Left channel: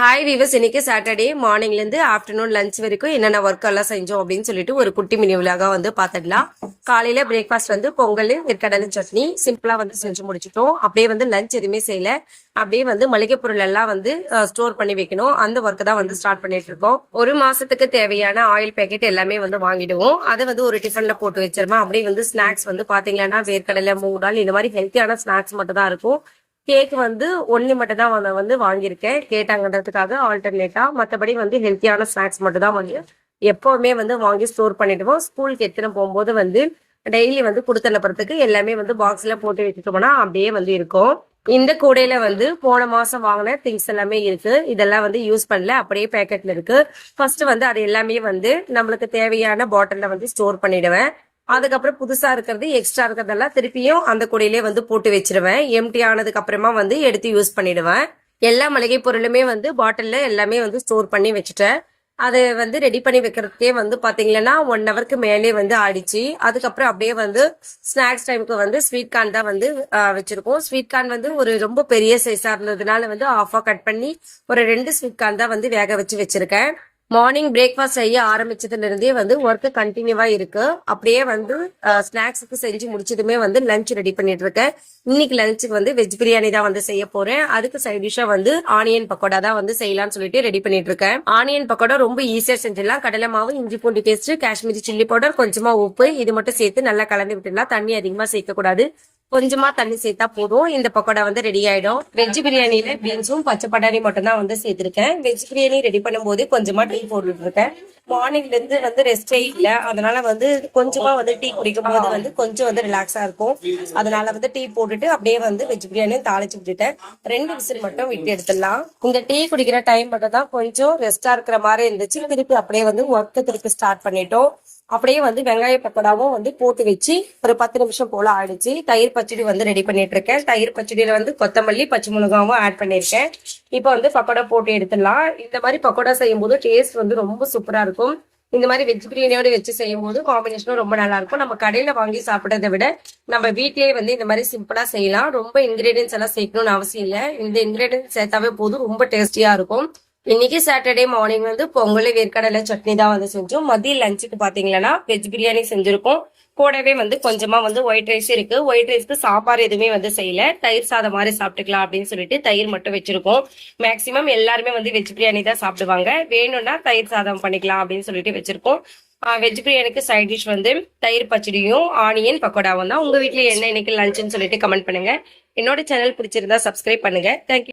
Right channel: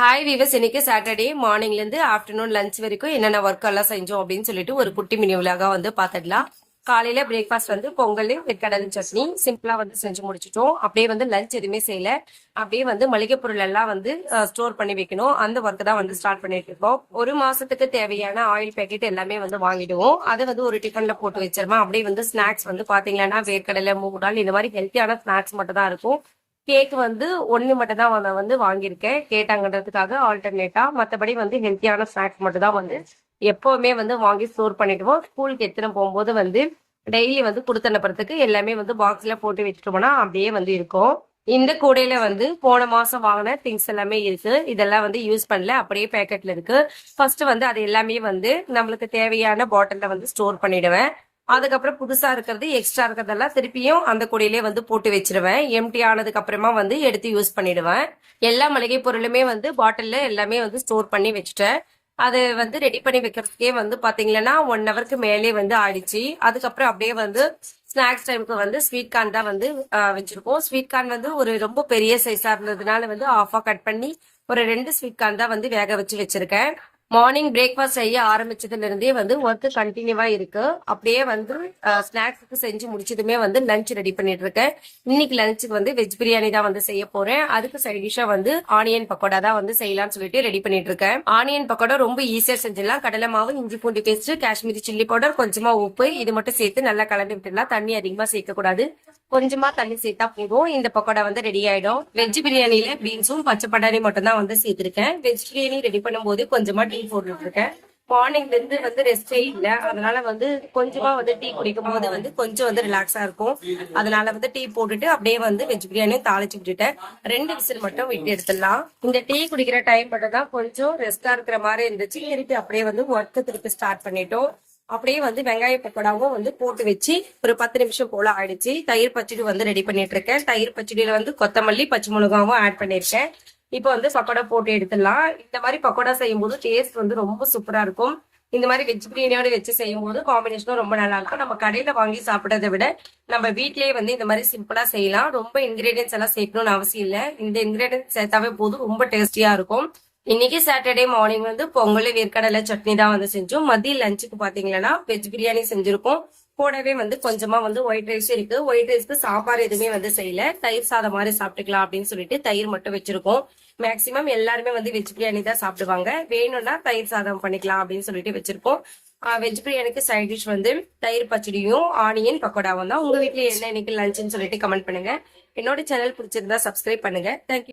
Hi viewers, இன்னைக்கு Saturday மார்னிங்ல இருந்து ஆஃப்டர்நூன் லஞ்ச் வரைக்கும் என்னென்ன ஒர்க் எல்லாம் செஞ்சோம் அப்படின்னு சொல்லிட்டு ஒரு குட்டி மினி விலாக வந்து பாத்துடலாம். காலையில பிரேக்ஃபாஸ்ட் வந்து பொங்கல், வெற்கடலை சட்னி சிம்பிளா வந்து செஞ்சு முடிச்சிட்டோம். அப்படியே வந்து லஞ்ச் எதுவுமே செய்யல. அப்படியே வந்து மளிகை பொருள் எல்லாம் வந்து ஸ்டோர் பண்ணி வைக்கணும். அந்த ஒர்க் தான் வந்து ஸ்டார்ட் பண்ணிட்டு இருக்கோம். ஒரு மாசத்துக்கு தேவையான ஆயில் பேக்கெட் எல்லாமே வந்து வாங்கிடுவோம். அதை வந்து ஒரு டிஃபன்ல போட்டு வச்சிருவோம். அப்படியே வந்து ஸ்நாக்ஸ் வந்து பாத்தீங்கன்னா வேர்க்கடலை, மூங் தால் இந்த மாதிரி ஹெல்த்தியான ஸ்நாக்ஸ் மட்டும் தான் இருக்கும். கேக் வந்து ஒன்னு மட்டும் தான் வந்து வாங்கியிருக்கேன் கேட்டாங்கன்றதுக்காக ஆல்டர்னேட்டா. மற்றபடி வந்து ஹெல்த்தியான ஸ்நாக்ஸ் மட்டும் தான் வந்து எப்பவுமே வந்து வாங்கி ஸ்டோர் பண்ணிடுவோம். ஸ்கூலுக்கு எத்தனை போகும்போது வந்து டெய்லி வந்து கொடுத்து அனுப்புறதுக்கு எல்லாமே வந்து பாக்ஸ்ல போட்டு வச்சுட்டோம்னா அப்படியே வந்து இருக்கும். இந்த கூடையில வந்து போன மாசம் வாங்கின திங்ஸ் எல்லாமே இருக்கு. இதெல்லாம் வந்து யூஸ் பண்ணல, அப்படியே பேக்கெட்ல இருக்கு. ஃபர்ஸ்ட் வந்து அது எல்லாமே வந்து நம்மளுக்கு தேவையான பாட்டில்ல வந்து ஸ்டோர் பண்ணிடுவேன். அதுக்கப்புறம் புதுசா இருக்கிறது, எக்ஸ்ட்ரா இருக்கிறதெல்லாம் திருப்பியும் அந்த கூடையிலே வந்து போட்டு வச்சிருவேன். எம்டி ஆனதுக்கு அப்புறமா வந்து எடுத்து யூஸ் பண்ணிடுவேன். எல்லா மளிகை பொருளுமே வந்து பாட்டில்ல எல்லாமே வந்து ஸ்டோர் பண்ணி வச்சுட்டேன். அதை வந்து ரெடி பண்ணி வைக்கிறதுக்கே வந்து பாத்தீங்கன்னா 1 ஹவருக்கு மேலே வந்து ஆயிடுச்சு. அதுக்கப்புறம் அப்படியே வந்து ஸ்நாக்ஸ் டைமுக்கு வந்து ஸ்வீட் கார்ன் தான் வந்து வச்சிருக்கோம். ஸ்வீட் கார்ன் வந்து ஒரு ரொம்ப பெரிய சைஸா இருந்ததுனால வந்து ஆஃபா கட் பண்ணி ஒரு 2 ஸ்வீட் கார்ன் தான் வந்து வேக வச்சிருக்கேன். மார்னிங் பிரேக்ஃபாஸ்ட் செய்ய ஆரம்பிச்சதுல இருந்தே வந்து ஒர்க் கண்டினியூவா இருக்கு. அப்படியே வந்து ஸ்நாக்ஸுக்கு செஞ்சு முடிச்சதுமே வந்து லஞ்ச் ரெடி பண்ணிட்டு இருக்கேன். இன்னைக்கு லஞ்சுக்கு வந்து வெஜ் பிரியாணி தான் வந்து செய்ய போறேன். அதுக்கு சைட் டிஷ்ஷா வந்து ஆனியன் பக்கோடா தான் வந்து செய்யலாம்னு சொல்லிட்டு ரெடி பண்ணிட்டு இருக்கேன். ஆனியன் பக்கோடா ரொம்ப ஈஸியா செஞ்சிடலாம். கடலை மாவு, இஞ்சி பூண்டு பேஸ்ட், காஷ்மீரி சில்லி பவுடர், கொஞ்சமா உப்பு இது மட்டும் சேர்த்து நல்லா கலந்து விட்டுடலாம். தண்ணி அதிகமா சேர்க்க கூடாது, கொஞ்சமா தண்ணி சேர்த்தா போதும். இந்த பக்கோடா வந்து ரெடி ஆயிடும். வெஜ் பிரியாணியில பீன்ஸும் பச்சை பட்டாணி மட்டும் தான் வந்து சேர்த்திருக்கேன். வெஜ் பிரியாணி ரெடி பண்ணும் போது கொஞ்சமா டீ போட்டுட்டு இருக்கேன். மார்னிங்ல இருந்து வந்து ரெஸ்டே இல்ல, அதனால வந்து கொஞ்சமா வந்து டீ குடிக்கும் போது வந்து கொஞ்சம் வந்து ரிலாக்ஸா இருக்கும். அதனால வந்து டீ போட்டுட்டு அப்படியே வந்து வெஜ் பிரியாணியும் தாளிச்சு விட்டுட்டேன். 2 விசில் மட்டும் விட்டு எடுத்துடலாம். இந்த டீ குடிக்கிற டைம் மட்டும் தான் கொஞ்சம் ரெஸ்டா இருக்கிற மாதிரி இருந்துச்சு. திருப்பி அப்படியே வந்து ஒர்க் திருப்பி ஸ்டார்ட் பண்ணிட்டோம். அப்படியே வந்து வெங்காய பக்கோடாவும் வந்து போட்டு வச்சு ஒரு 10 நிமிஷம் போல ஆயிடுச்சு. தயிர் பச்சடி வந்து ரெடி பண்ணிட்டு இருக்கேன். தயிர் பச்சடியில வந்து கொத்தமல்லி, பச்சை மிளகாவும் ஆட் பண்ணிருக்கேன். இப்போ வந்து பக்கோடா போட்டு எடுத்துடலாம். இந்த மாதிரி பக்கோடா செய்யும் போது டேஸ்ட் வந்து ரொம்ப சூப்பரா இருக்கும். இந்த மாதிரி வெஜ் பிரியாணியோட வச்சு செய்யும் போது காம்பினேஷனும் ரொம்ப நல்லா இருக்கும். நம்ம கடையில வாங்கி சாப்பிடறதை விட நம்ம வீட்லயே வந்து இந்த மாதிரி சிம்பிளா செய்யலாம். ரொம்ப இன்கிரீடியன்ஸ் எல்லாம் சேர்க்கணும்னு அவசியம் இல்லை. இந்த இன்கிரீடியன்ஸ் சேர்த்தாவே போதும், ரொம்ப டேஸ்டியா இருக்கும். இன்னைக்கு சாட்டர்டே மார்னிங் வந்து பொங்கல், வேர்க்கடலை சட்னி தான் வந்து செஞ்சோம். மதிய லஞ்சுக்கு பாத்தீங்கன்னா வெஜ் பிரியாணி செஞ்சிருக்கோம். கூடவே வந்து கொஞ்சமா வந்து ஒயிட் ரைஸ் இருக்கு. ஒயிட் ரைஸ்க்கு சாப்பாடு எதுவுமே வந்து செய்யல, தயிர் சாதம் மாதிரி சாப்பிட்டுக்கலாம் அப்படின்னு சொல்லிட்டு தயிர் மட்டும் வச்சிருக்கோம். மேக்சிமம் எல்லாருமே வந்து வெஜ் பிரியாணி தான் சாப்பிடுவாங்க. வேணும்னா தயிர் சாதம் பண்ணிக்கலாம் அப்படின்னு சொல்லிட்டு வச்சிருக்கோம். வெஜ் பிரியாணிக்கு சைட் டிஷ் வந்து தயிர் பச்சடியும் ஆனியன் பக்கோடாவும் தான். உங்க வீட்டுல என்ன இன்னைக்கு லஞ்சுன்னு சொல்லிட்டு கமெண்ட் பண்ணுங்க. என்னோட சேனல் பிடிச்சிருந்தா சப்ஸ்கிரைப் பண்ணுங்க. தேங்க்யூ.